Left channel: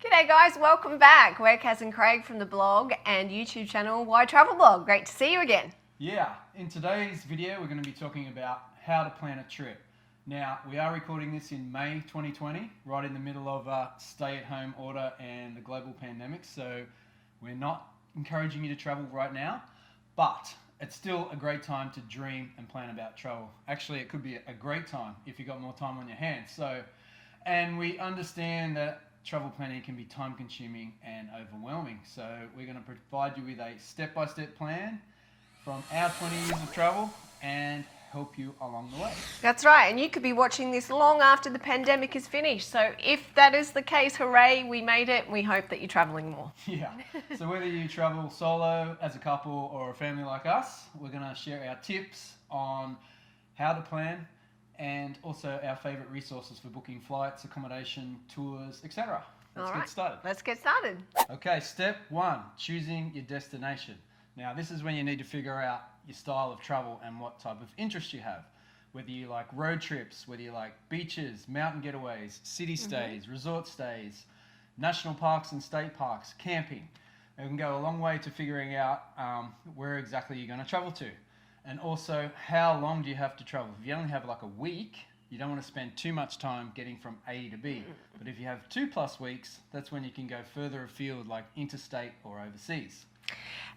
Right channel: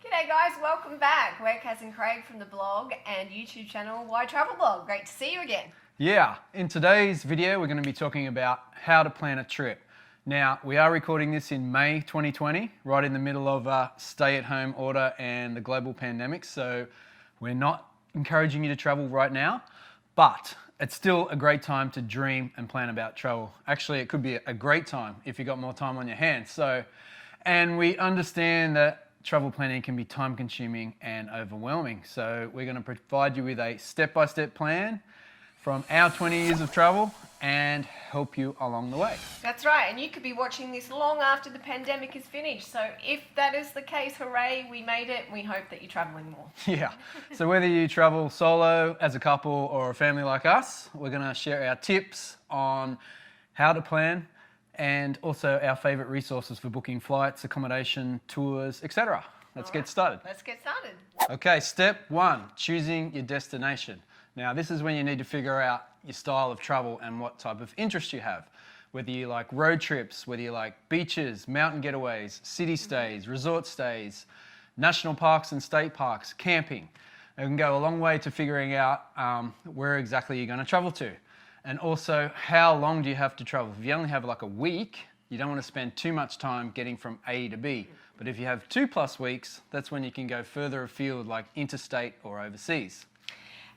G'day guys, welcome back. We're Kaz and Craig from the blog and YouTube channel Why Travel Blog. Great to see you again. Yeah, in today's video we're going to be talking about how to plan a trip. Now, we are recording this in May 2020, right in the middle of a stay-at-home order and the global pandemic, so we're not encouraging you to travel right now, but it's still a great time to dream and plan about travel. Actually, it could be a great time if you've got more time on your hands. And we understand that travel planning can be time-consuming and overwhelming, so we're going to provide you with a step-by-step plan from our 20 years of travel and help you along the way. That's right, and you could be watching this long after the pandemic is finished. So if that is the case, hooray, we made it. We hope that you're traveling more. Yeah, so whether you travel solo, as a couple, or a family like us, we're going to share our tips on how to plan and also our favourite resources for booking flights, accommodation, tours, etc. Let's get started. Let's get started. Okay, step one, choosing your destination. Now, this is when you need to figure out your style of travel and what type of interest you have. Whether you like road trips, whether you like beaches, mountain getaways, city stays, resort stays, national parks and state parks, camping. It can go a long way to figuring out where exactly you're going to travel to. And also, how long do you have to travel? If you only have like a week, you don't want to spend too much time getting from A to B. But if you have 2+ weeks, that's when you can go further afield, like interstate or overseas.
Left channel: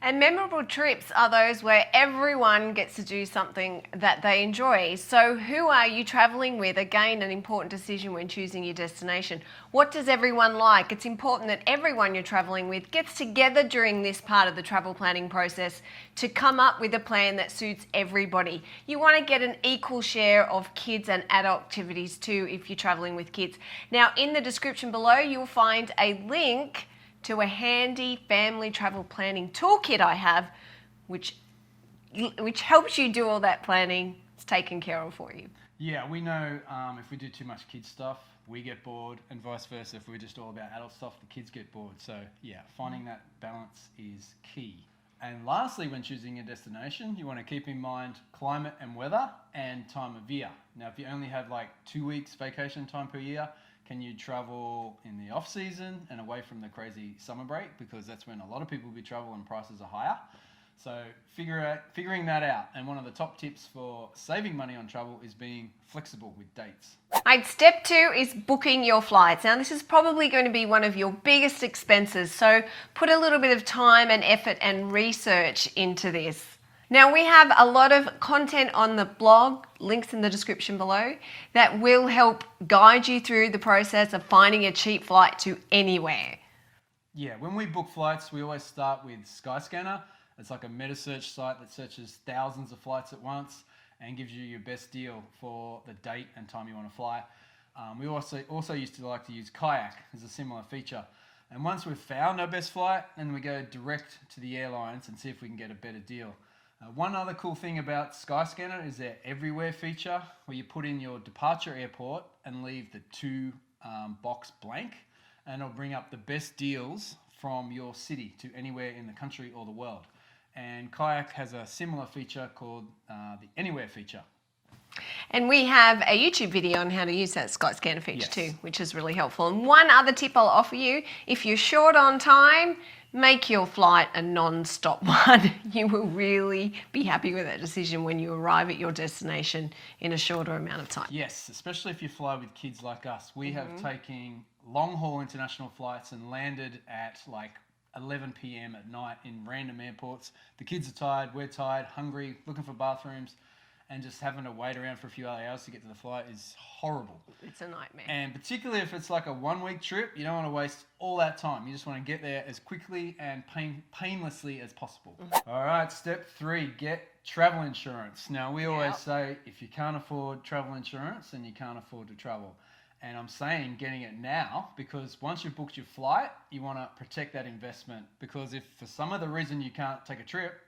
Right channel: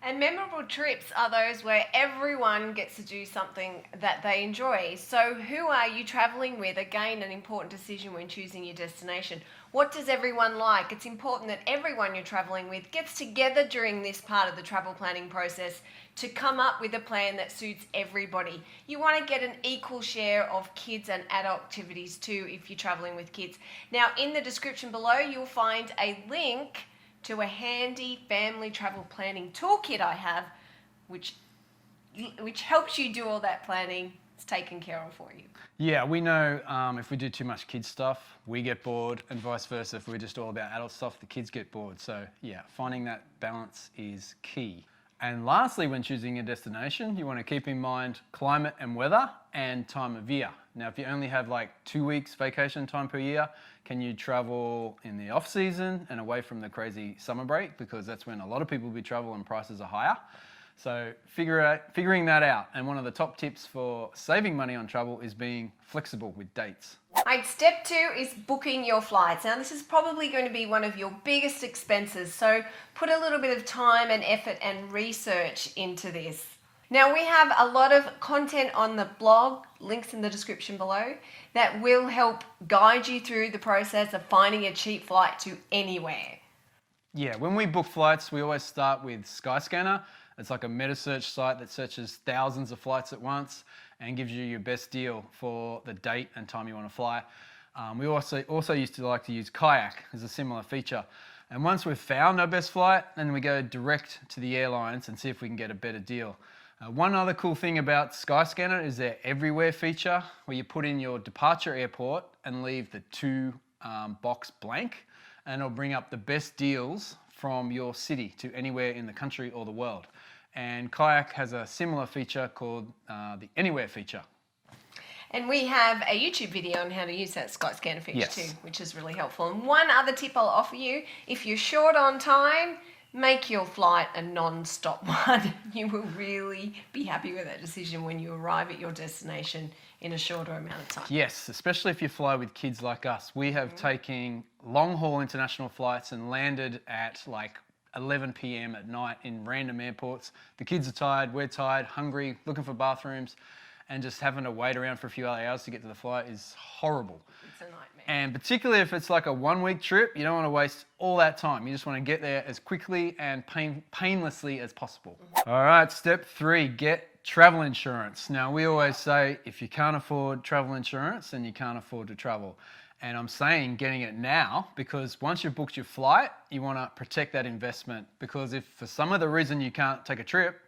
And memorable trips are those where everyone gets to do something that they enjoy. So who are you traveling with? Again, an important decision when choosing your destination. What does everyone like? It's important that everyone you're traveling with gets together during this part of the travel planning process to come up with a plan that suits everybody. You want to get an equal share of kids and adult activities too if you're traveling with kids. Now, in the description below, you'll find a link to a handy family travel planning toolkit I have, which helps you do all that planning. It's taken care of for you. Yeah, we know if we do too much kids stuff, we get bored, and vice versa. If we're just all about adult stuff, the kids get bored. So yeah, finding that balance is key. And lastly, when choosing a destination, you want to keep in mind climate and weather and time of year. Now, if you only have like 2 weeks vacation time per year, can you travel in the off season and away from the crazy summer break? Because that's when a lot of people will be traveling and prices are higher. So figuring that out. And one of the top tips for saving money on travel is being flexible with dates. Right, step 2 is booking your flights. Now, this is probably going to be one of your biggest expenses. So put a little bit of time and effort and research into this. Now, we have a lot of content on the blog, links in the description below, that will help guide you through the process of finding a cheap flight to anywhere. Yeah, when we book flights, we always start with Skyscanner. It's like a meta search site that searches thousands of flights at once and gives you your best deal for the date and time you want to fly. We also used to like to use Kayak as a similar feature. And once we've found our best flight, then we go direct to the airlines and see if we can get a better deal. One other cool thing about Skyscanner is their Everywhere feature, where you put in your departure airport and leave the box blank, and it'll bring up the best deals from your city to anywhere in the country or the world. And Kayak has a similar feature called the Anywhere feature. And we have a YouTube video on how to use that Skyscanner feature Yes. too, which is really helpful. And one other tip I'll offer you, if you're short on time, make your flight a non-stop one. You will really be happy with that decision when you arrive at your destination in a shorter amount of time. Yes, especially if you fly with kids like us. We have taken long-haul international flights and landed at like 11 p.m. at night in random airports. The kids are tired, we're tired, hungry, looking for bathrooms, and just having to wait around for a few hours to get to the flight is horrible. It's a nightmare. And particularly if it's like a 1-week trip, you don't want to waste all that time. You just want to get there as quickly and painlessly as possible. All right, step 3, get travel insurance. Now, we always say if you can't afford travel insurance, then you can't afford to travel. And I'm saying getting it now, because once you've booked your flight, you want to protect that investment, because if for some other reason you can't take a trip,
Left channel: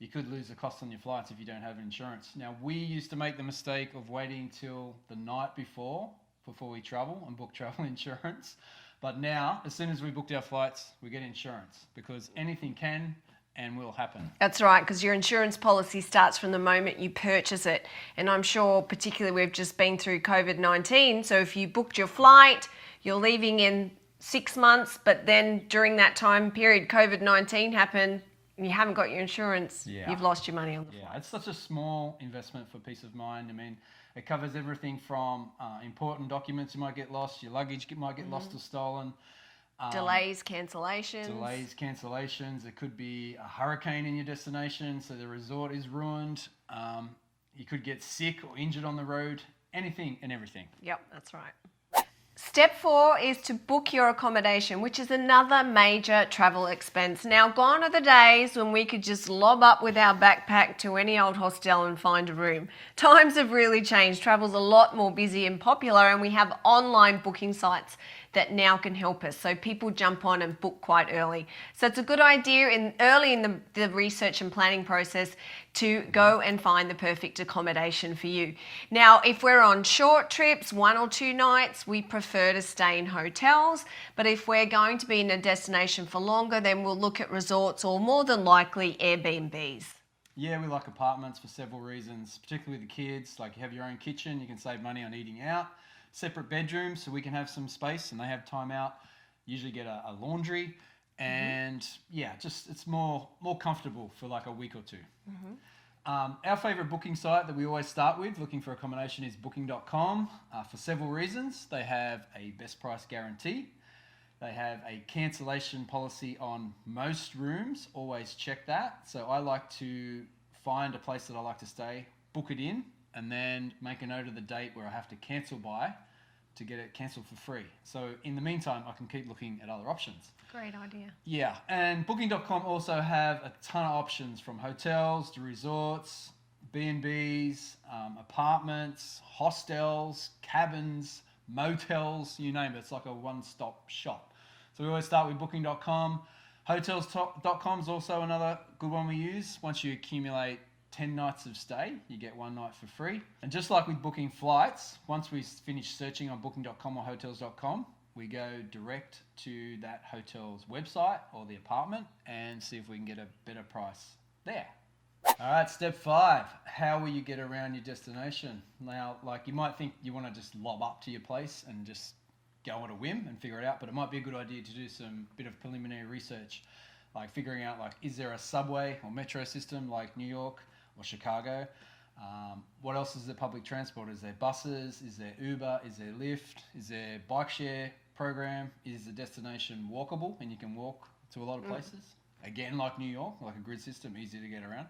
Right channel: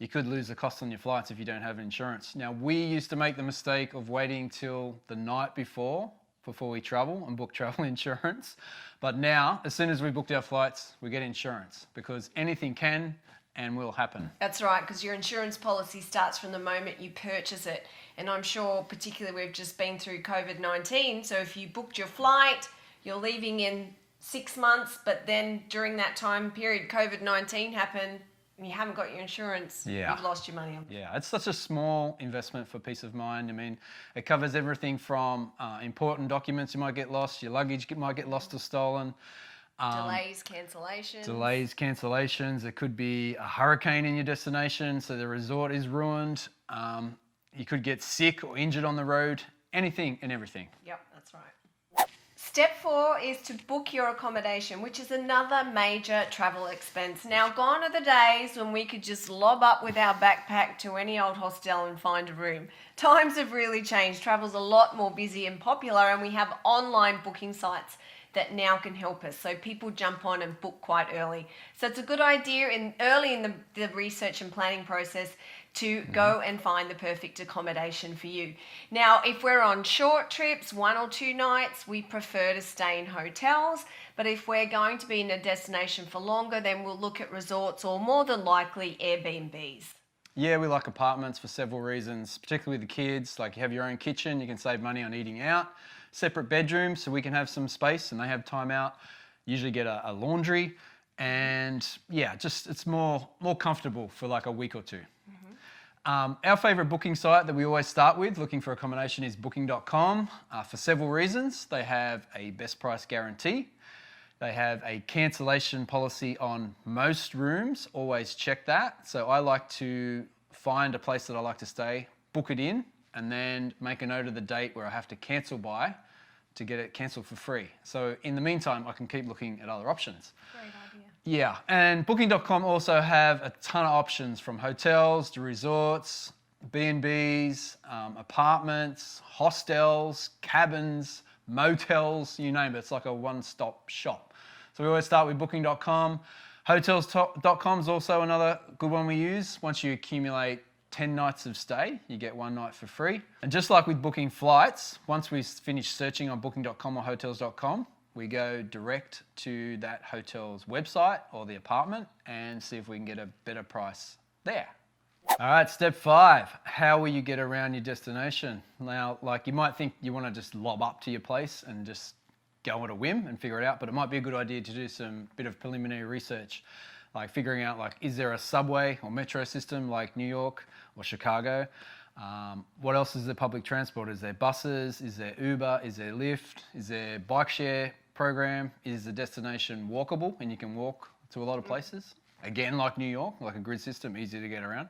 you could lose the cost on your flights if you don't have insurance. Now, we used to make the mistake of waiting till the night before we travel and book travel insurance. But now, as soon as we booked our flights, we get insurance, because anything can and will happen. That's right, because your insurance policy starts from the moment you purchase it. And I'm sure particularly we've just been through COVID-19, so if you booked your flight, you're leaving in 6 months, but then during that time period, COVID-19 happened, you haven't got your insurance, you've lost your money on it. Yeah, it's such a small investment for peace of mind. I mean, it covers everything from important documents you might get lost, your luggage might get lost or stolen. Delays, cancellations. There could be a hurricane in your destination, so the resort is ruined. You could get sick or injured on the road. Anything and everything. Yep, that's right. Step 4 is to book your accommodation, which is another major travel expense. Now, gone are the days when we could just lob up with our backpack to any old hostel and find a room. Times have really changed. Travel's a lot more busy and popular, and we have online booking sites that now can help us. So people jump on and book quite early. So it's a good idea early in the research and planning process to go and find the perfect accommodation for you. Now, if we're on short trips, 1 or 2 nights, we prefer to stay in hotels. But if we're going to be in a destination for longer, then we'll look at resorts or more than likely Airbnbs. Yeah, we like apartments for several reasons, particularly with the kids. Like, you have your own kitchen, you can save money on eating out. Separate bedrooms so we can have some space and they have time out. Usually get a laundry, and yeah, just it's more comfortable for like a week or two. Our favorite booking site that we always start with looking for accommodation is booking.com for several reasons. They have a best price guarantee. They have a cancellation policy on most rooms. Always check that. So I like to find a place that I like to stay, book it in, and then make a note of the date where I have to cancel by to get it cancelled for free. So in the meantime, I can keep looking at other options. Great idea. Yeah, and booking.com also have a ton of options, from hotels to resorts, B&Bs, apartments, hostels, cabins, motels, you name it. It's like a one-stop shop. So we always start with booking.com. Hotels.com is also another good one we use. Once you accumulate 10 nights of stay, you get 1 night for free. And just like with booking flights, once we finish searching on booking.com or hotels.com, we go direct to that hotel's website or the apartment and see if we can get a better price there. All right, step 5, how will you get around your destination? Now, like, you might think you want to just lob up to your place and just go at a whim and figure it out, but it might be a good idea to do some bit of preliminary research, like figuring out, like, is there a subway or metro system like New York or Chicago? What else is there public transport? Is there buses? Is there Uber? Is there Lyft? Is there bike share program? Is the destination walkable and you can walk to a lot of places? Again, like New York, like a grid system, easy to get around.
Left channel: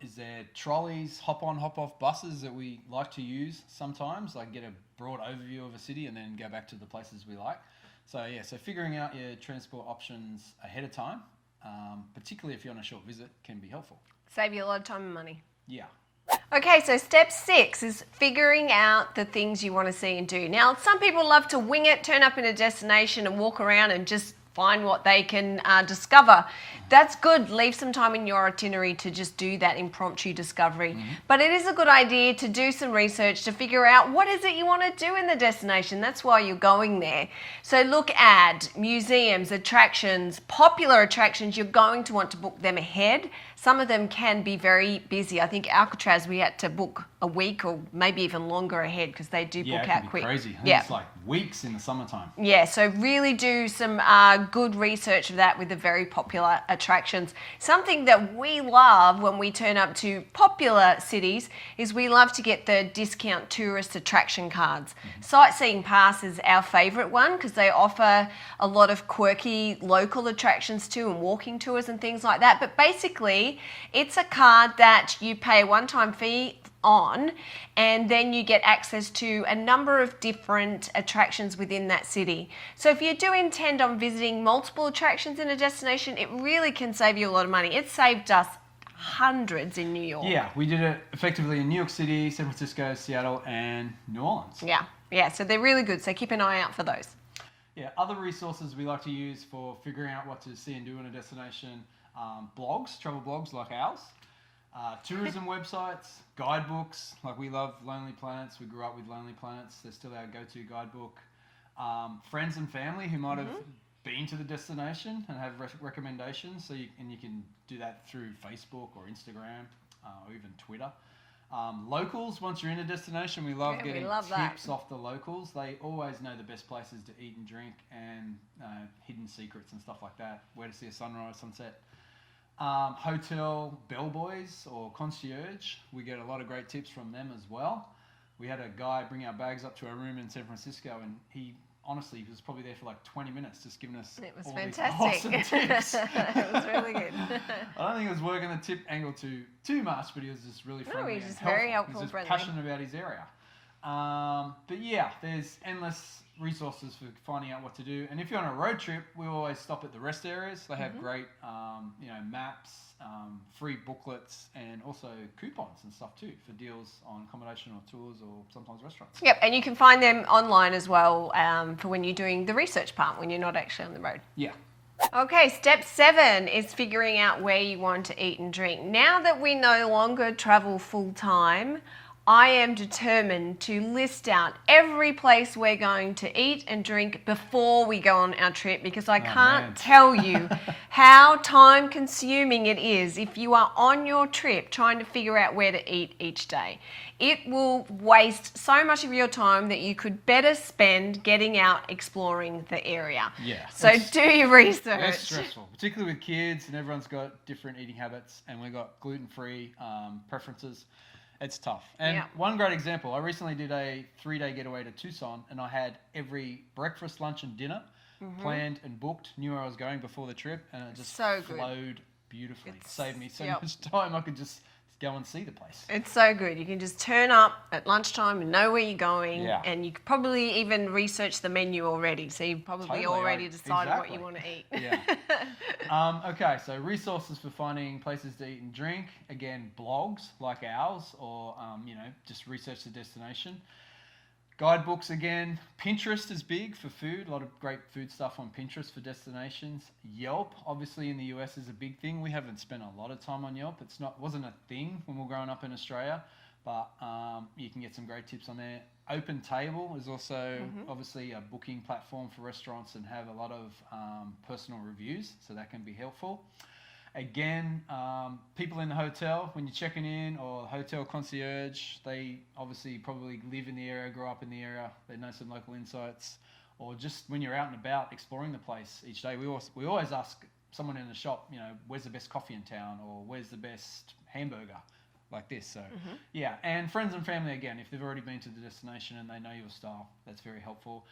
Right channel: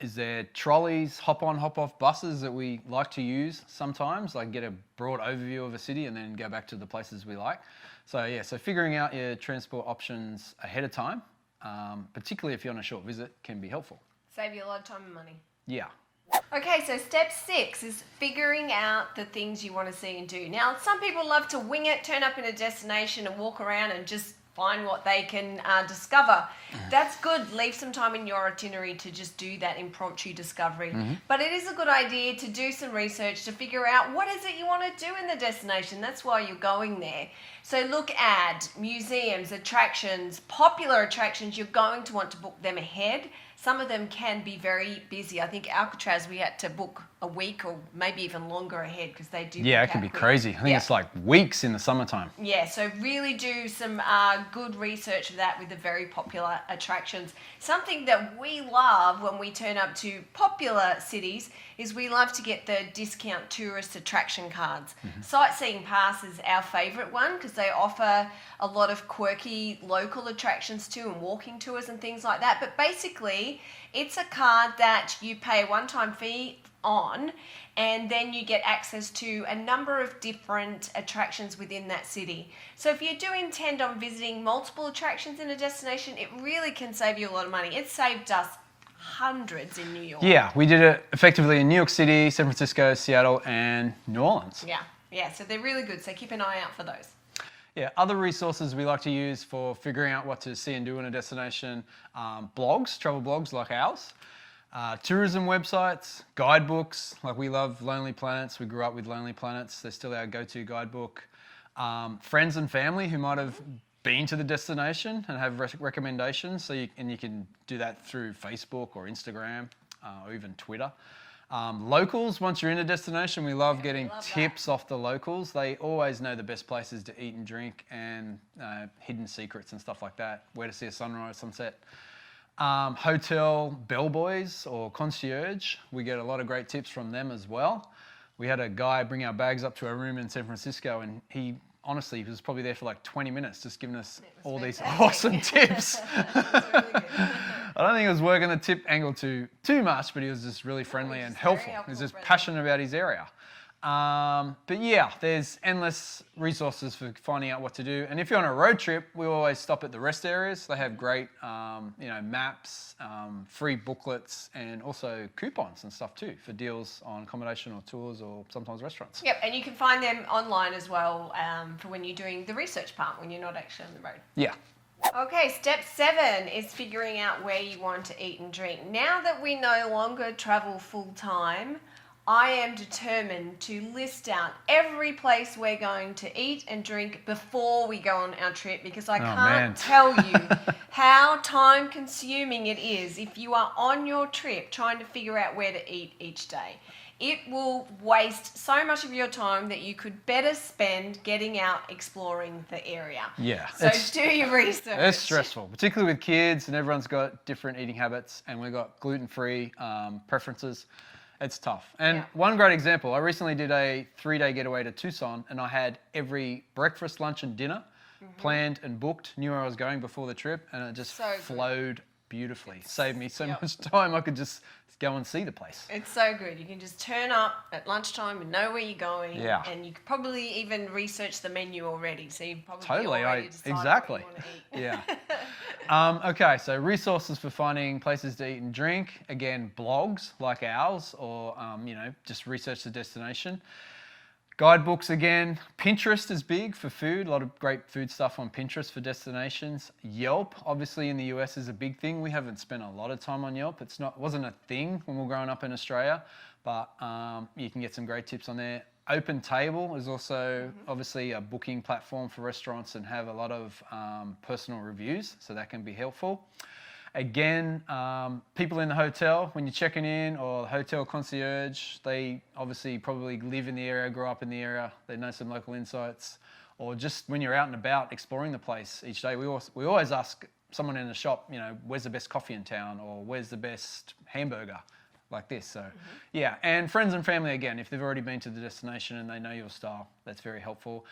Is there trolleys, hop-on, hop-off buses that we like to use sometimes, like get a broad overview of a city and then go back to the places we like. So yeah, so figuring out your transport options ahead of time, particularly if you're on a short visit, can be helpful. Save you a lot of time and money. Yeah. Okay, so step 6 is figuring out the things you want to see and do. Now, some people love to wing it, turn up in a destination and walk around and just find what they can discover. That's good. Leave some time in your itinerary to just do that impromptu discovery. But it is a good idea to do some research to figure out what is it you want to do in the destination. That's why you're going there. So look at museums, attractions, popular attractions. You're going to want to book them ahead. Some of them can be very busy. I think Alcatraz, we had to book a week or maybe even longer ahead because they do book out quick. Yeah, it can be crazy. I think it's like weeks in the summertime. Yeah, so really do some good research of that with the very popular attractions. Something that we love when we turn up to popular cities is we love to get the discount tourist attraction cards. Sightseeing Pass is our favourite one because they offer a lot of quirky local attractions too and walking tours and things like that. But basically, it's a card that you pay a one-time fee on, and then you get access to a number of different attractions within that city. So if you do intend on visiting multiple attractions in a destination, it really can save you a lot of money. It saved us hundreds in New York. Yeah, we did it effectively in New York City, San Francisco, Seattle, and New Orleans. Yeah, so they're really good. So keep an eye out for those. Yeah, other resources we like to use for figuring out what to see and do in a destination, blogs, travel blogs like ours, tourism websites, guidebooks, like we love Lonely Planets. We grew up with Lonely Planets. They're still our go-to guidebook. Friends and family who might have been to the destination and have recommendations. So you can do that through Facebook or Instagram or even Twitter. Locals, once you're in a destination, we love Yeah, we getting love that. tips off the locals. They always know the best places to eat and drink and hidden secrets and stuff like that, where to see a sunrise, sunset. Hotel bellboys or concierge, we get a lot of great tips from them as well. We had a guy bring our bags up to our room in San Francisco, and he honestly was probably there for like 20 minutes just giving us all these awesome tips. It's really good. I don't think it was working the tip angle too much, but he was just really friendly he's and just very helpful. helpful, He was just friendly. passionate about his area. But yeah, there's endless resources for finding out what to do. And if you're on a road trip, we always stop at the rest areas. They have great, maps, free booklets, and also coupons and stuff too for deals on accommodation or tours or sometimes restaurants. Yep, and you can find them online as well for when you're doing the research part, when you're not actually on the road. Yeah. Okay, step 7 is figuring out where you want to eat and drink. Now that we no longer travel full time, I am determined to list out every place we're going to eat and drink before we go on our trip, because I can't tell you how time consuming it is if you are on your trip trying to figure out where to eat each day. It will waste so much of your time that you could better spend getting out exploring the area. Yeah. So do your research. It's stressful, particularly with kids, and everyone's got different eating habits, and we've got gluten-free preferences. It's tough. And one great example, I recently did a 3-day getaway to Tucson, and I had every breakfast, lunch, and dinner planned and booked, knew where I was going before the trip, and it just flowed beautifully. Saved me so much time. I could just go and see the place. It's so good. You can just turn up at lunchtime and know where you're going, and you could probably even research the menu already, so you probably already decide what you want to eat. Yeah. Okay, so resources for finding places to eat and drink. Again, blogs like ours, or just research the destination. Guidebooks again. Pinterest is big for food. A lot of great food stuff on Pinterest for destinations. Yelp, obviously in the US, is a big thing. We haven't spent a lot of time on Yelp. Wasn't a thing when we were growing up in Australia, but you can get some great tips on there. Open Table is also obviously a booking platform for restaurants and have a lot of personal reviews, so that can be helpful. Again, people in the hotel, when you're checking in, or hotel concierge, they obviously probably live in the area, grow up in the area, they know some local insights. Or just when you're out and about exploring the place each day, we always ask someone in the shop, where's the best coffee in town, or where's the best hamburger, like this. So yeah, and friends and family again, if they've already been to the destination and they know your style, that's very helpful.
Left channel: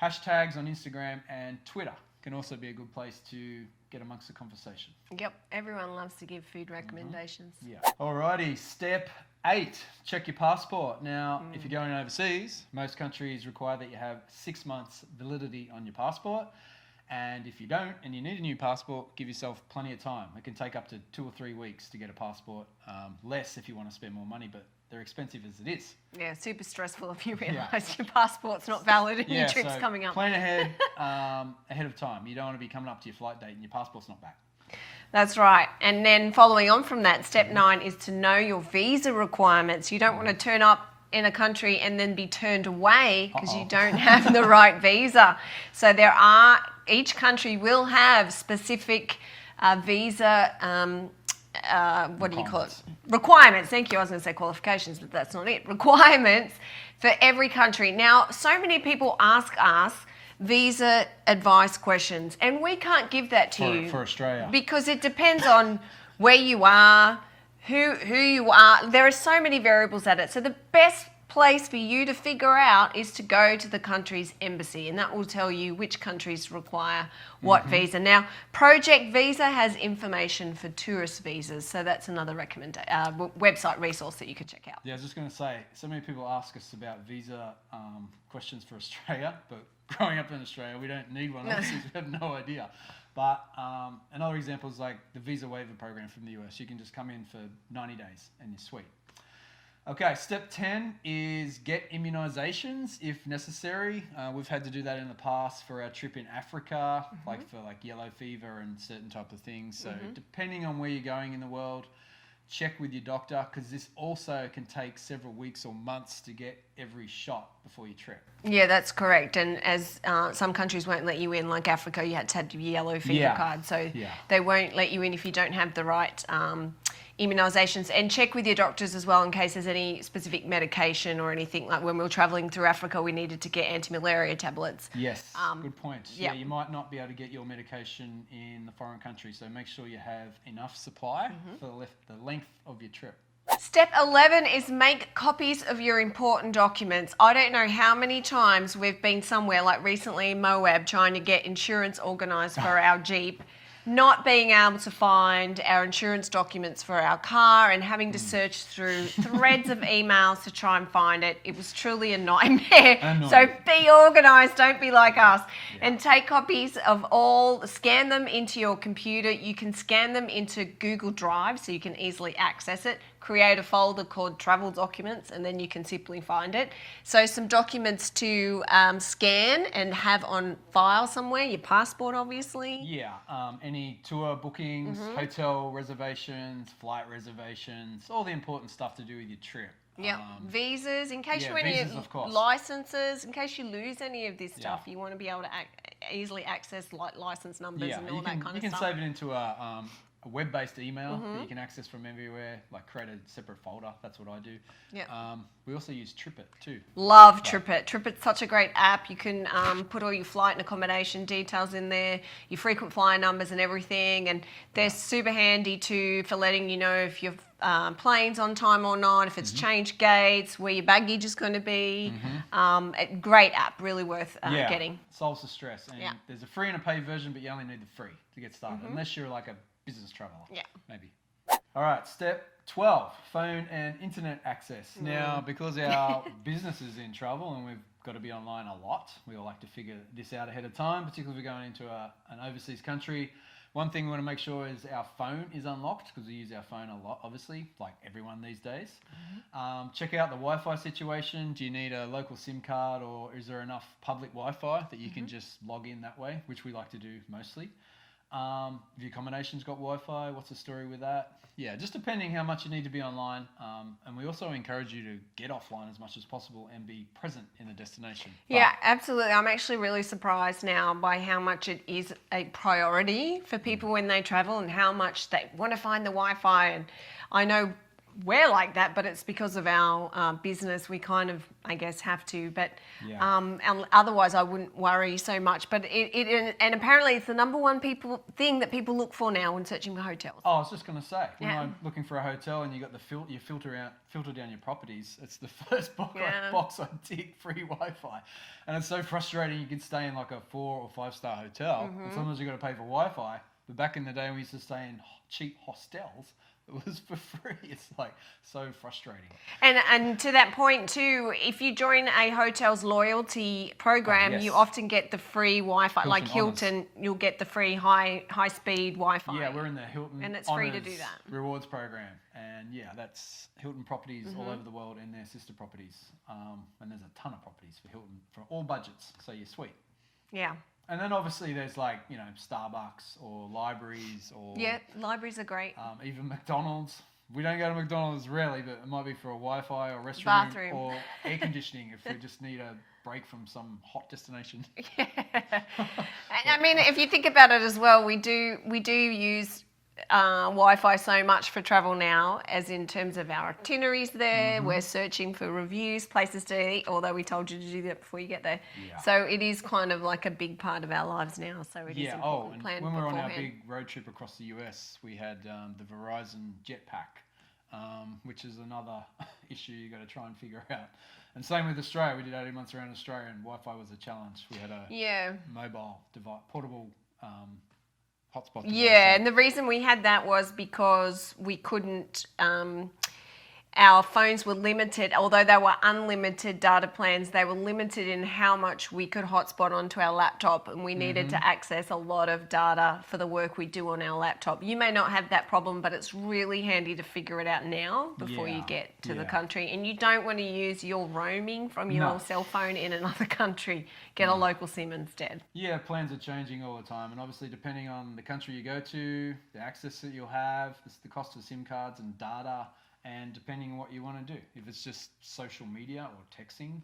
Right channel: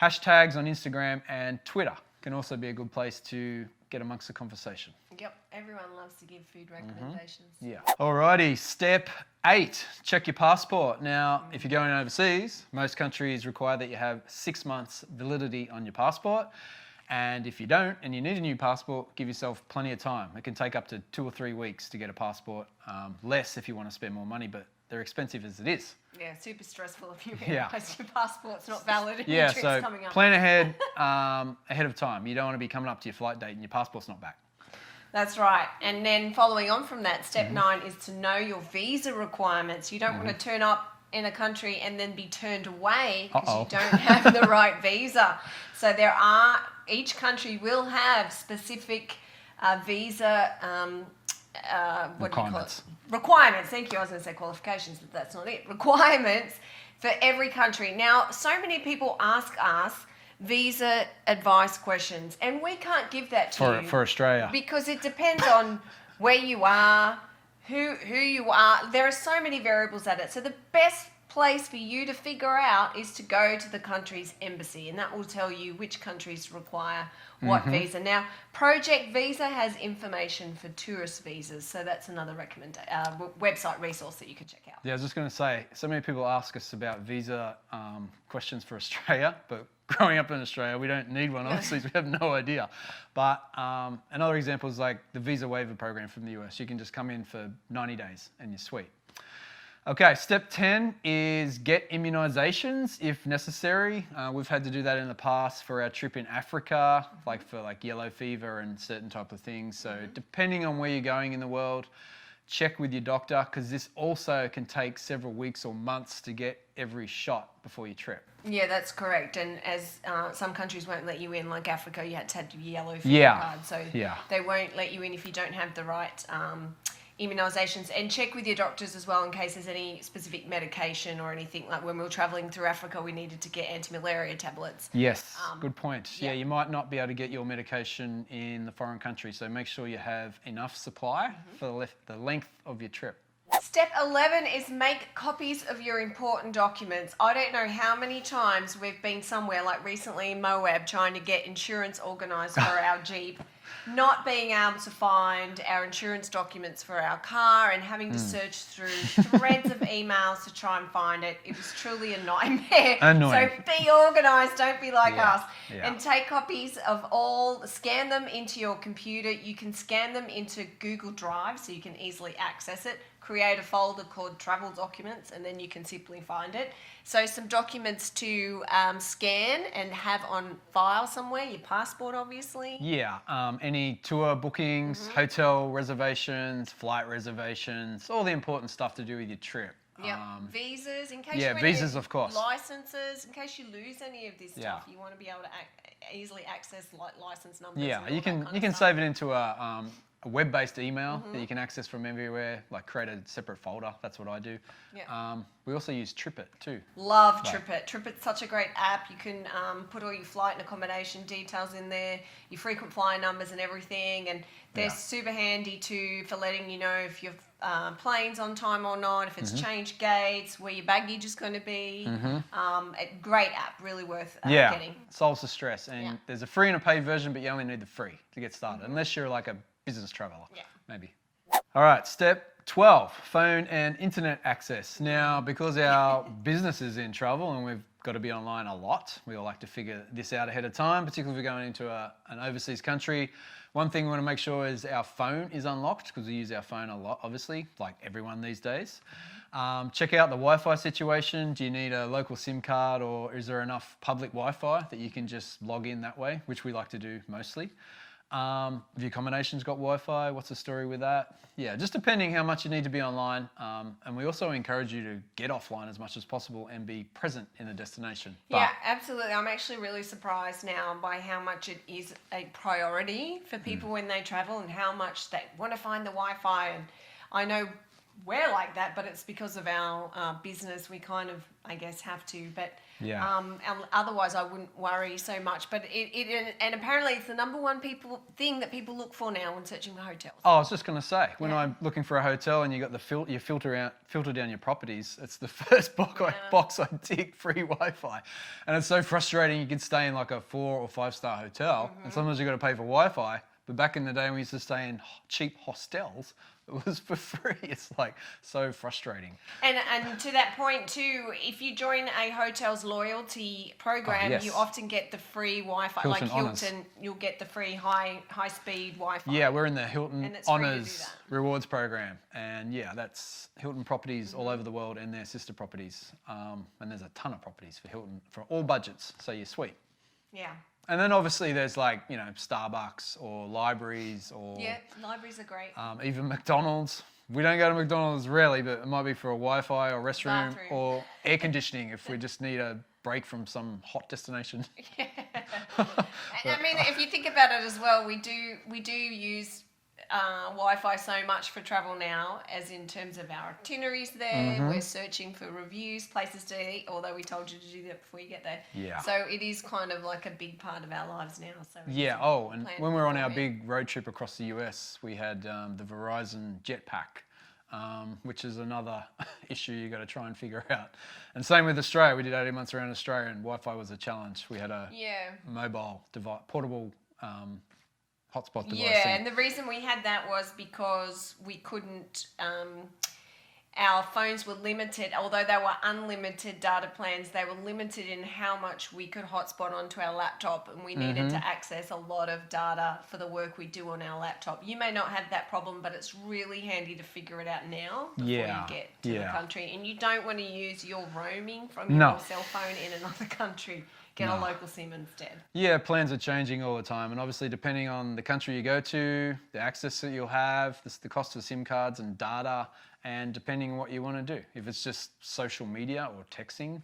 Hashtags on Instagram and Twitter can also be a good place to get amongst the conversation. Yep, everyone loves to give food recommendations. Yeah. Alrighty, step 8, check your passport. Now, if you're going overseas, most countries require that you have 6 months validity on your passport. And if you don't, and you need a new passport, give yourself plenty of time. It can take up to 2 or 3 weeks to get a passport, less if you want to spend more money, but they're expensive as it is. Yeah, super stressful if you realise your passport's not valid and your trip's so coming up. plan ahead, ahead of time. You don't want to be coming up to your flight date and your passport's not back. That's right. And then following on from that, step 9 is to know your visa requirements. You don't want to turn up in a country and then be turned away because you don't have the right visa. So each country will have specific visa what do you call it? Requirements. Thank you. I was going to say qualifications, but that's not it. Requirements for every country. Now, so many people ask us visa advice questions, and we can't give that to you for Australia, because it depends on where you are, who you are. There are so many variables at it. So the best place for you to figure out is to go to the country's embassy, and that will tell you which countries require what visa. Now, Project Visa has information for tourist visas, so that's another website resource that you could check out. Yeah, I was just going to say, so many people ask us about visa questions for Australia, but growing up in Australia, we don't need one, obviously, we have no idea. But another example is like the visa waiver program from the US. You can just come in for 90 days and you're sweet. Okay, step 10 is get immunizations if necessary. We've had to do that in the past for our trip in Africa, like for yellow fever and certain type of things. So depending on where you're going in the world, check with your doctor, because this also can take several weeks or months to get every shot before your trip. Yeah, that's correct. And as some countries won't let you in, like Africa, you had to have your yellow fever card. So they won't let you in if you don't have the right immunizations, and check with your doctors as well in case there's any specific medication or anything. Like when we were traveling through Africa, we needed to get anti-malaria tablets. Yes, good point. yeah. Yeah, you might not be able to get your medication in the foreign country, so make sure you have enough supply for the length of your trip. Step 11 is make copies of your important documents. I don't know how many times we've been somewhere, like recently in Moab, trying to get insurance organised for our Jeep, not being able to find our insurance documents for our car and having to search through threads of emails to try and find it. It was truly a nightmare. Annoying. So be organised, don't be like us. Yeah. And take copies of all, scan them into your computer. You can scan them into Google Drive so you can easily access it. Create a folder called travel documents, and then you can simply find it. So some documents to scan and have on file somewhere, your passport obviously. Yeah, any tour bookings, hotel reservations, flight reservations, all the important stuff to do with your trip. Yeah, visas, in case visas, of course. Licenses, in case you lose any of this stuff, you want to be able to easily access like license numbers. Yeah, and all you can that kind of stuff. save it into a web-based email that you can access from everywhere, like create a separate folder. That's what I do. Yeah. We also use TripIt too. Love TripIt. TripIt's such a great app. You can put all your flight and accommodation details in there, your frequent flyer numbers and everything, and they're super handy too for letting you know if your plane's on time or not, if it's changed gates, where your baggage is going to be. A great app, really worth getting. Solves the stress. And there's a free and a paid version, but you only need the free to get started, unless you're like a business traveler. Yeah. Maybe. All right, step 12, phone and internet access. Now, because our business is in travel and we've got to be online a lot, we all like to figure this out ahead of time, particularly if we're going into an overseas country. One thing we want to make sure is our phone is unlocked, because we use our phone a lot, obviously, like everyone these days. Check out the Wi-Fi situation. Do you need a local SIM card, or is there enough public Wi-Fi that you can just log in that way, which we like to do mostly. Have your accommodations got Wi-Fi? What's the story with that? Yeah, just depending how much you need to be online. And we also encourage you to get offline as much as possible and be present in the destination. Yeah, absolutely. I'm actually really surprised now by how much it is a priority for people when they travel and how much they want to find the Wi-Fi. And I know we're like that, but it's because of our business. We kind of, I guess, have to. But otherwise, I wouldn't worry so much. But and apparently, it's the number one thing that people look for now when searching for hotels. Oh, I was just going to say, when I'm looking for a hotel and you got you filter down your properties, it's the first box I tick, free Wi-Fi, and it's so frustrating. You can stay in like a 4 or 5 star hotel, and sometimes you got to pay for Wi-Fi. But back in the day, when we used to stay in cheap hostels, it was for free. It's like so frustrating. And to that point too, if you join a hotel's loyalty program, you often get the free Wi-Fi. Like Hilton, you'll get the free high speed Wi-Fi. Yeah, we're in the Hilton and it's free to do Honors that. Rewards program, and that's Hilton properties all over the world and their sister properties. And there's a ton of properties for Hilton for all budgets, so you're sweet. Yeah. And then obviously there's like, Starbucks or libraries or... Yeah, libraries are great. Even McDonald's. We don't go to McDonald's really, but it might be for a Wi-Fi or restroom or air conditioning if we just need a break from some hot destination. Yeah. I mean, if you think about it as well, we do use Wi-Fi so much for travel now, as in terms of our itineraries there. We're searching for reviews, places to eat, although we told you to do that before you get there. Yeah. So it is kind of like a big part of our lives now. So it is and plan when we were on our beforehand. big road trip across the US, we had the Verizon Jetpack, which is another issue you got to try and figure out. And same with Australia. We did 18 months around Australia, and Wi-Fi was a challenge. We had a mobile device, portable hotspot device. Yeah, and the reason we had that was because we couldn't, our phones were limited, although they were unlimited data plans, they were limited in how much we could hotspot onto our laptop, and we needed to access a lot of data for the work we do on our laptop. You may not have that problem, but it's really handy to figure it out now before you get to the country. And you don't want to use your roaming from your cell phone in another country. Get a local SIM instead. Yeah, plans are changing all the time, and obviously depending on the country you go to, the access that you'll have, the cost of SIM cards and data, and depending on what you want to do. If it's just social media or texting,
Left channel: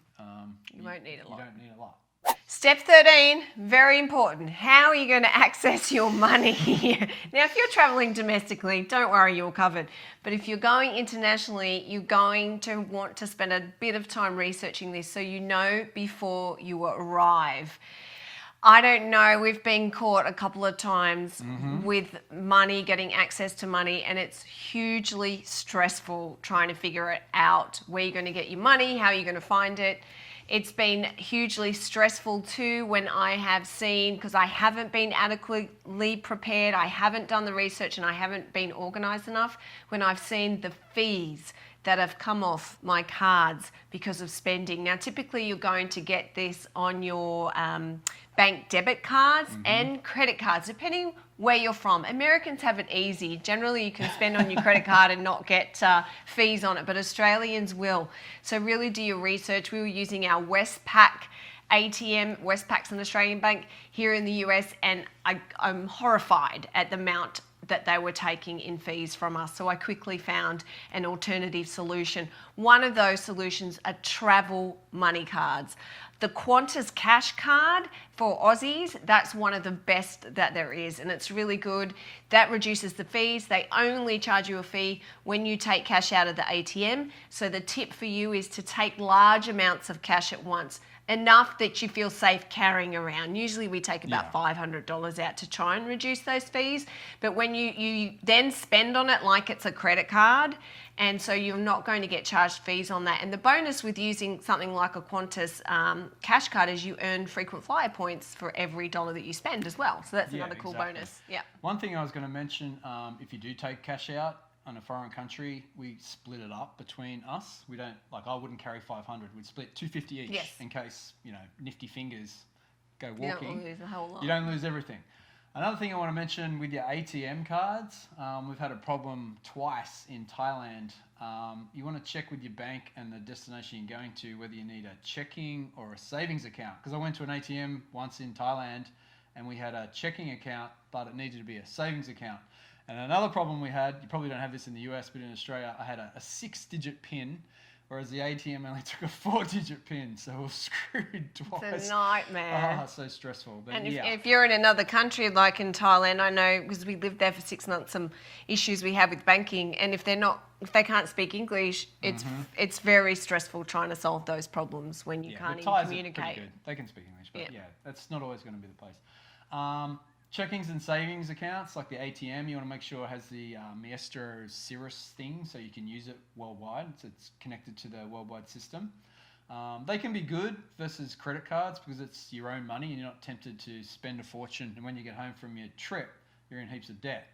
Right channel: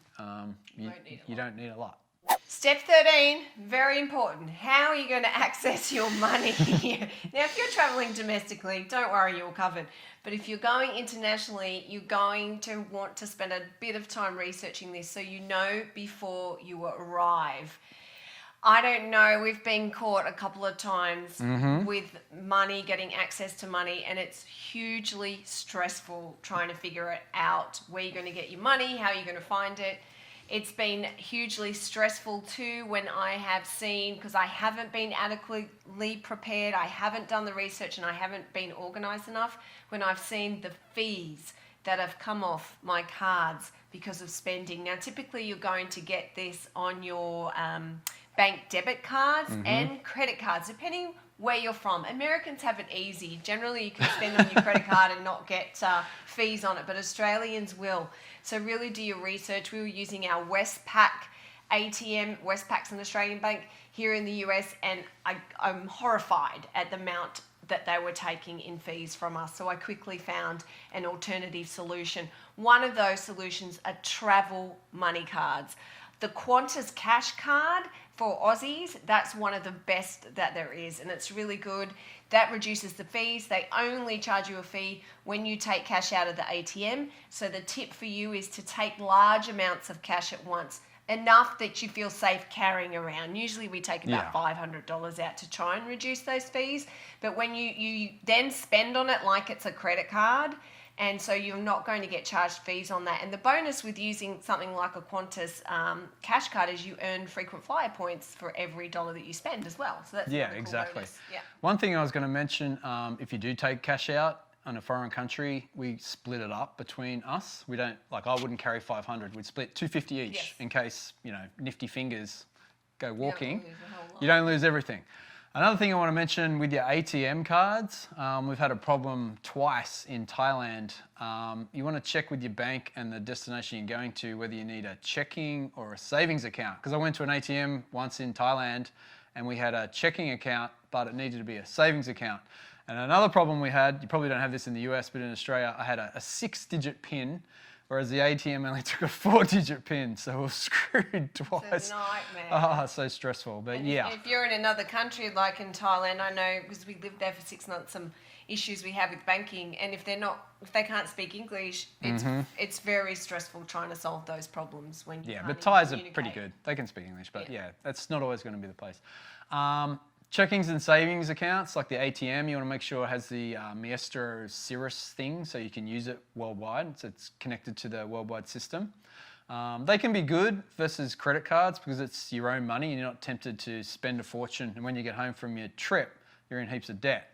you don't need a lot. Step 13, very important. How are you going to access your money? Now, if you're traveling domestically, don't worry, you're covered. But if you're going internationally, you're going to want to spend a bit of time researching this so you know before you arrive. I don't know, we've been caught a couple of times with money, getting access to money, and it's hugely stressful trying to figure it out. Where you're going to get your money, how you're going to find it. It's been hugely stressful too when I have seen, because I haven't been adequately prepared, I haven't done the research, and I haven't been organised enough, when I've seen the fees that have come off my cards because of spending. Now, typically you're going to get this on your bank debit cards and credit cards, depending where you're from. Americans have it easy. Generally, you can spend on your credit card and not get fees on it, but Australians will. So really do your research. We were using our Westpac ATM. Westpac's an Australian bank here in the US, and I'm horrified at the amount that they were taking in fees from us. So I quickly found an alternative solution. One of those solutions are travel money cards. The Qantas Cash Card for Aussies, that's one of the best that there is, and it's really good. That reduces the fees. They only charge you a fee when you take cash out of the ATM. So the tip for you is to take large amounts of cash at once, enough that you feel safe carrying around. Usually we take about $500 out to try and reduce those fees, but when you then spend on it like it's a credit card, and so you're not going to get charged fees on that. And the bonus with using something like a Qantas cash card is you earn frequent flyer points for every dollar that you spend as well. So that's another cool bonus. Yeah. One thing I was going to mention, if you do take cash out in a foreign country, we split it up between us. We don't, like, I wouldn't carry 500. We'd split 250 each in case, you know, nifty fingers go walking. You don't lose everything. Another thing I want to mention with your ATM cards, we've had a problem twice in Thailand. You want to check with your bank and the destination you're going to whether you need a checking or a savings account. Because I went to an ATM once in Thailand and we had a checking account, but it needed to be a savings account. And another problem we had, you probably don't have this in the US, but in Australia, I had a 6-digit PIN, whereas the ATM only took a 4-digit PIN, so we were screwed twice. It's a nightmare. Ah, so stressful, but and yeah. If you're in another country, like in Thailand, I know, because we lived there for 6 months, some issues we have with banking, and if they can't speak English, it's very stressful trying to solve those problems when you can't but Thais communicate. are pretty good. They can speak English, but that's not always going to be the place. Checkings and savings accounts, like the ATM, you want to make sure it has the Maestro Cirrus thing so you can use it worldwide. So it's connected to the worldwide system. They can be good versus credit cards because it's your own money and you're not tempted to spend a fortune. And when you get home from your trip, you're in heaps of debt.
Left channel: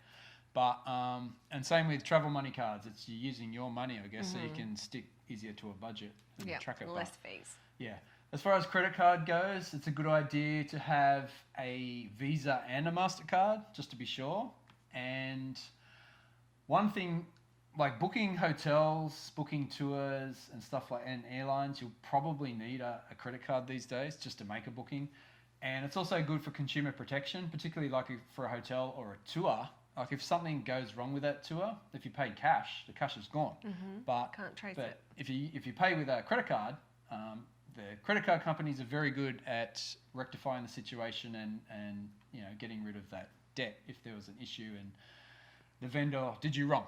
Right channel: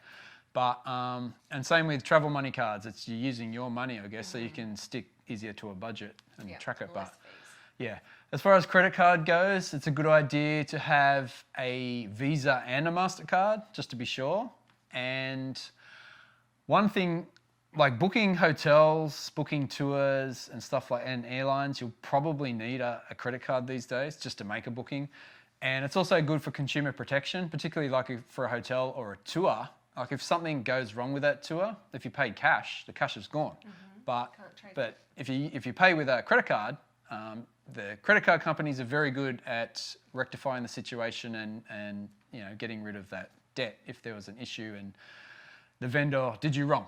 But and same with travel money cards. It's you're using your money, I guess, so you can stick easier to a budget and track it. Less fees. Yeah. As far as credit card goes, it's a good idea to have a Visa and a MasterCard, just to be sure. And one thing, like booking hotels, booking tours and stuff like, and airlines, you'll probably need a credit card these days just to make a booking. And it's also good for consumer protection, particularly like for a hotel or a tour. Like if something goes wrong with that tour, if you paid cash, the cash is gone. But if you pay with a credit card, the credit card companies are very good at rectifying the situation and you know, getting rid of that debt if there was an issue and the vendor did you wrong.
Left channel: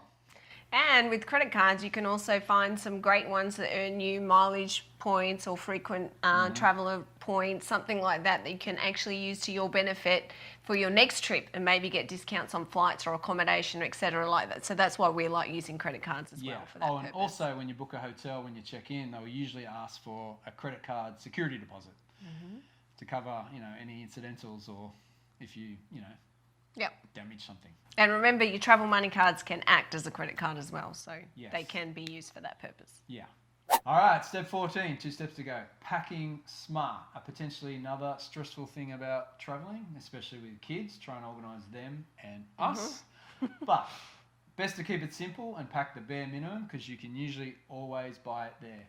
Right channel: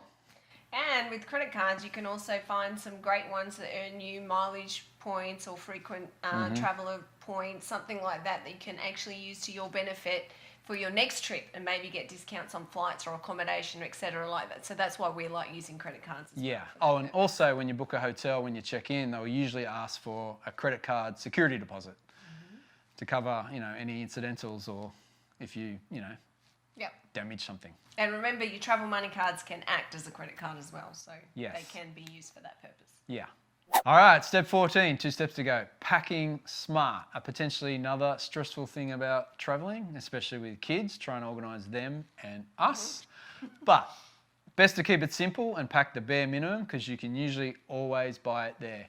And with credit cards, you can also find some great ones that earn you mileage points or frequent traveller points, something like that you can actually use to your benefit for your next trip and maybe get discounts on flights or accommodation, etc. like that. So that's why we like using credit cards as well. Oh, and also when you book a hotel, when you check in, they'll usually ask for a credit card security deposit to cover, you know, any incidentals or if you damage something. And remember, your travel money cards can act as a credit card as well, so they can be used for that purpose. Yeah. All right, step 14, 2 steps to go. Packing smart, a potentially another stressful thing about traveling, especially with kids, trying to organise them and us. But best to keep it simple and pack the bare minimum because you can usually always buy it there.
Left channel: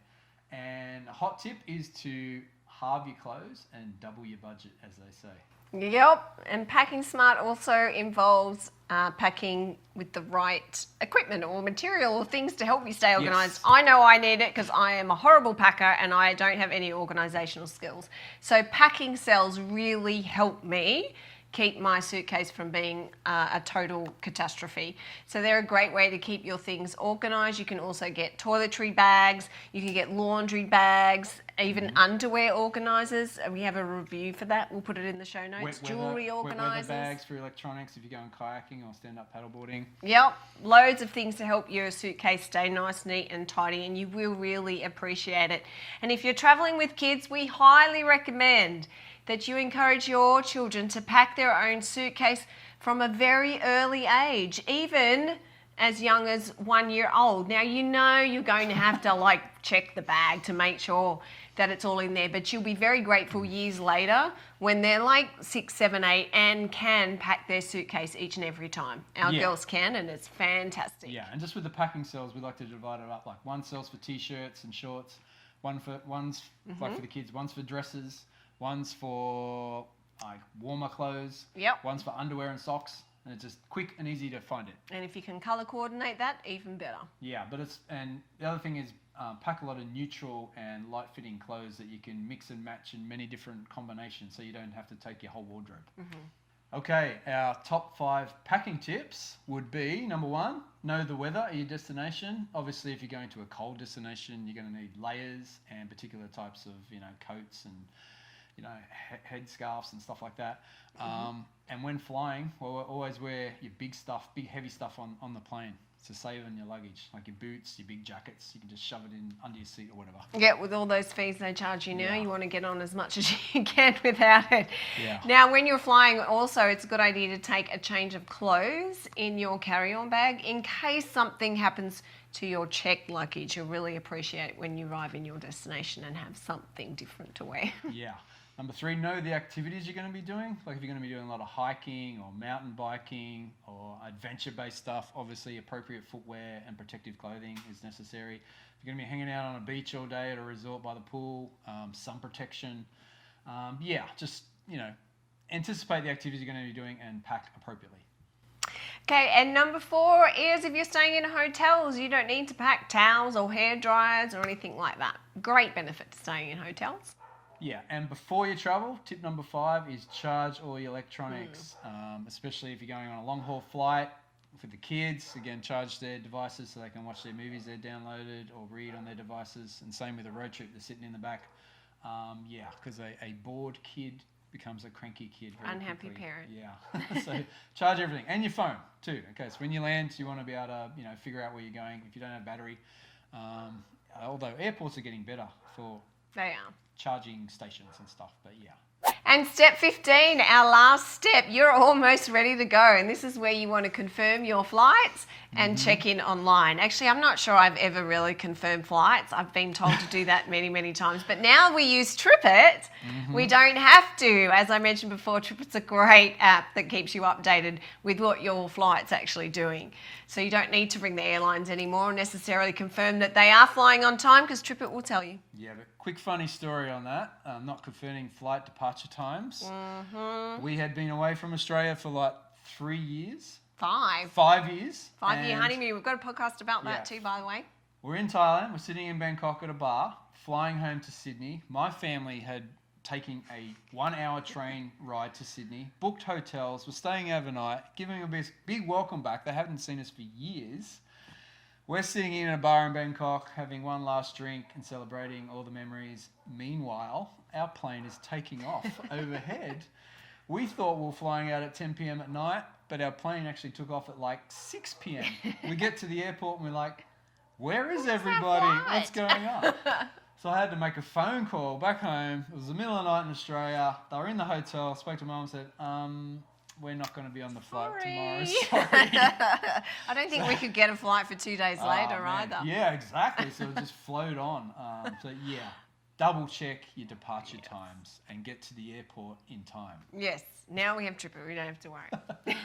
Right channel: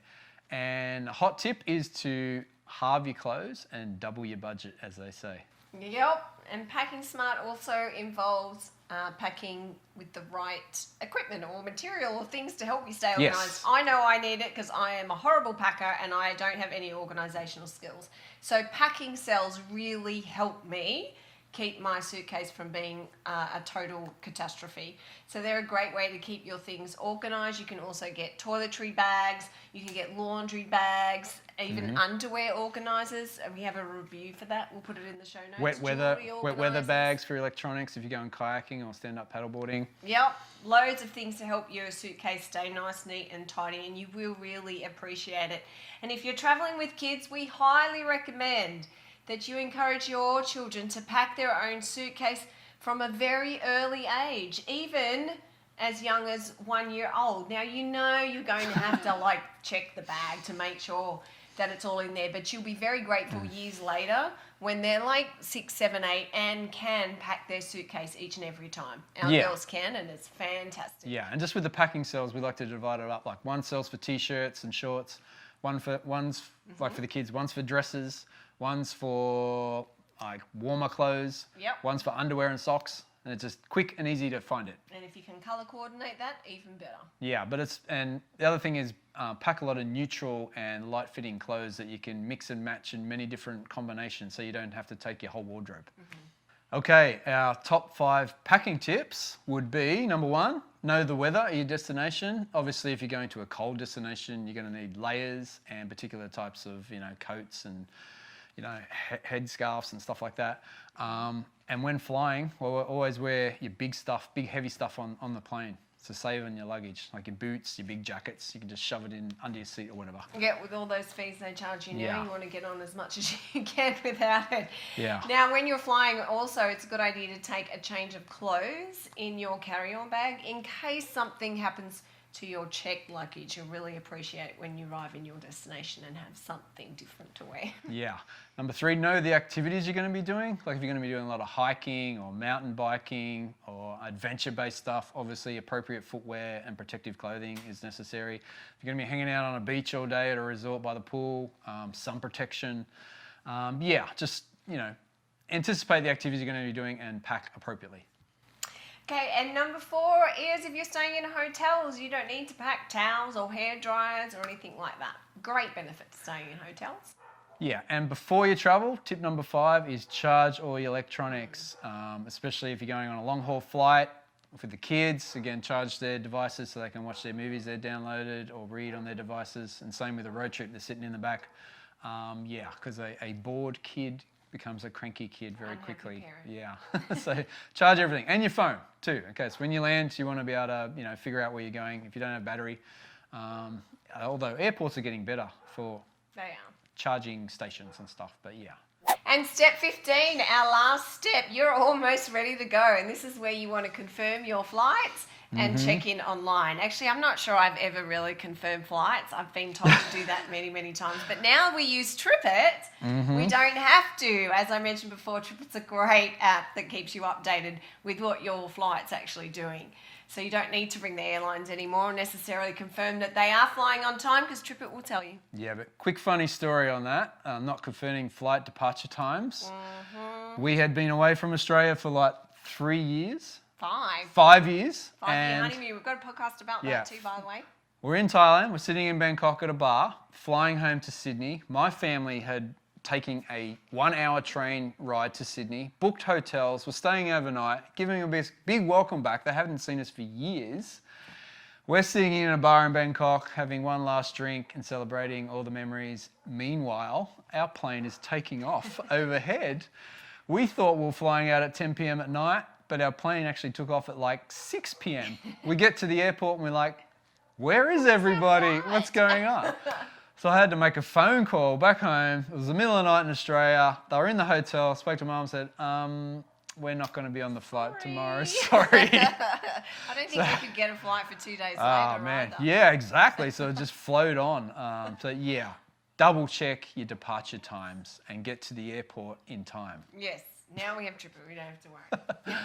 And a hot tip is to halve your clothes and double your budget, as they say. Yep, and packing smart also involves packing with the right equipment or material or things to help you stay organised. Yes. I know I need it because I am a horrible packer and I don't have any organisational skills. So packing cells really help me keep my suitcase from being a total catastrophe. So they're a great way to keep your things organised. You can also get toiletry bags, you can get laundry bags, even underwear organisers. We have a review for that. We'll put it in the show notes. Wet weather bags for electronics if you're going kayaking or stand-up paddleboarding. Yep, loads of things to help your suitcase stay nice, neat and tidy, and you will really appreciate it. And if you're travelling with kids, we highly recommend that you encourage your children to pack their own suitcase from a very early age, even as young as 1 year old. Now, you know you're going to have to like check the bag to make sure that it's all in there, but you'll be very grateful years later when they're like 6, 7, 8 and can pack their suitcase each and every time. Our girls can, and it's fantastic. Yeah, and just with the packing cells, we like to divide it up. Like one cell's for t-shirts and shorts, one's like for the kids, one's for dresses, one's for like warmer clothes, one's for underwear and socks, and it's just quick and easy to find it. And if you can colour coordinate that, even better. Yeah, but and the other thing is pack a lot of neutral and light fitting clothes that you can mix and match in many different combinations so you don't have to take your whole wardrobe. Okay, our top 5 packing tips would be, number 1, know the weather at your destination. Obviously, if you're going to a cold destination, you're going to need layers and particular types of, coats and head scarves and stuff like that. And when flying, well, always wear your big heavy stuff on the plane to save in your luggage, like your boots, your big jackets. You can just shove it in under your seat or whatever. Yeah, with all those fees they charge you now, you want to get on as much as you can without it. Yeah. Now, when you're flying, also, it's a good idea to take a change of clothes in your carry-on bag in case something happens to your checked luggage. You'll really appreciate when you arrive in your destination and have something different to wear. Yeah. Number 3, know the activities you're going to be doing. Like if you're going to be doing a lot of hiking or mountain biking or adventure-based stuff, obviously appropriate footwear and protective clothing is necessary. If you're going to be hanging out on a beach all day at a resort by the pool, sun protection. Just anticipate the activities you're going to be doing and pack appropriately. Okay, and number 4 is if you're staying in hotels, you don't need to pack towels or hair dryers or anything like that. Great benefit to staying in hotels. Yeah, and before you travel, tip number 5 is charge all your electronics, especially if you're going on a long-haul flight. For the kids, again, charge their devices so they can watch their movies they've downloaded or read on their devices. And same with a road trip, they're sitting in the back. Because a bored kid becomes a cranky kid very quickly. Parent. Yeah, so charge everything. And your phone too. Okay, so when you land, you want to be able to figure out where you're going if you don't have battery. Although airports are getting better for charging stations and stuff, but yeah. And step 15, our last step, you're almost ready to go. And this is where you want to confirm your flights and check in online. Actually, I'm not sure I've ever really confirmed flights. I've been told to do that many, many times. But now we use TripIt. We don't have to. As I mentioned before, TripIt's a great app that keeps you updated with what your flight's actually doing. So you don't need to ring the airlines anymore and necessarily confirm that they are flying on time because TripIt will tell you. Yeah, but quick funny story on that. Not confirming flight departure times. We had been away from Australia for like 3 years. 5 years. 5-year honeymoon. We've got a podcast about that too, by the way. We're in Thailand. We're sitting in Bangkok at a bar, flying home to Sydney. My family had taken a 1-hour train ride to Sydney, booked hotels, were staying overnight, giving a big welcome back. They haven't seen us for years. We're sitting in a bar in Bangkok, having one last drink and celebrating all the memories. Meanwhile, our plane is taking off overhead. We thought we were flying out at 10 p.m. at night, but our plane actually took off at like 6 p.m. We get to the airport and we're like, where is everybody? What's going on? So I had to make a phone call back home. It was the middle of the night in Australia. They were in the hotel. Spoke to Mum and said, we're not going to be on the flight tomorrow. Sorry. I don't think we could get a flight for 2 days later either. Yeah, exactly. So it just flowed on. Double check your departure times and get to the airport in time. Yes. Now we have Tripper. We don't have to worry.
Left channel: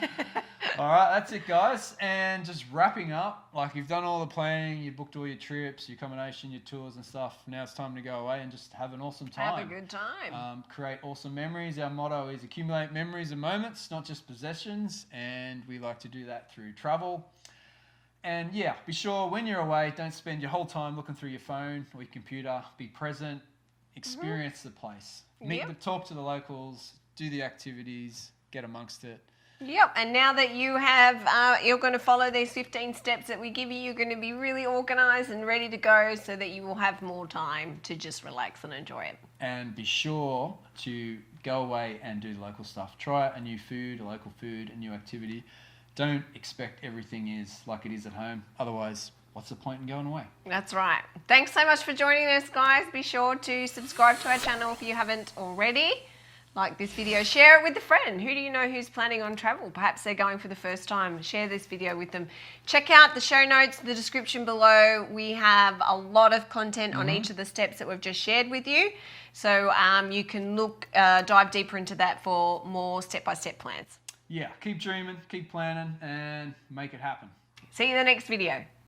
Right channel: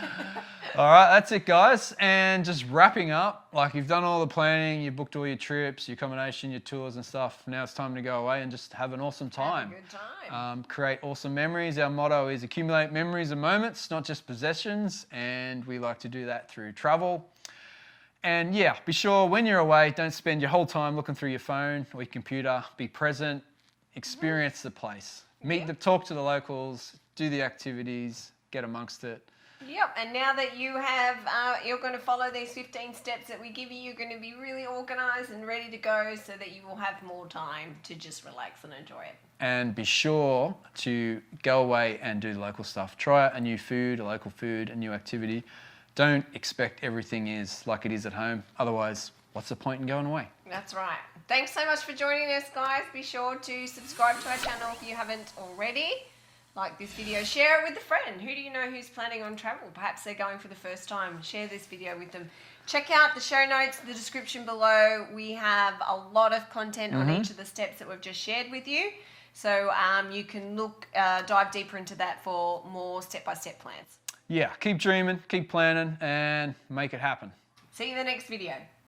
All right, that's it, guys. And just wrapping up, like you've done all the planning, you booked all your trips, your accommodation, your tours and stuff. Now it's time to go away and just have an awesome time. Have a good time. Create awesome memories. Our motto is accumulate memories and moments, not just possessions. And we like to do that through travel. And yeah, be sure when you're away, don't spend your whole time looking through your phone or your computer. Be present, experience the place. Talk to the locals, do the activities, get amongst it. Yep, and now that you have, you're going to follow these 15 steps that we give you, you're going to be really organised and ready to go so that you will have more time to just relax and enjoy it. And be sure to go away and do local stuff. Try out a new food, a local food, a new activity. Don't expect everything is like it is at home. Otherwise, what's the point in going away? That's right. Thanks so much for joining us, guys. Be sure to subscribe to our channel if you haven't already. Like this video, share it with a friend. Who do you know who's planning on travel? Perhaps they're going for the first time. Share this video with them. Check out the show notes, the description below. We have a lot of content on each of the steps that we've just shared with you. So you can dive deeper into that for more step-by-step plans. Yeah, keep dreaming, keep planning, and make it happen. See you in the next video.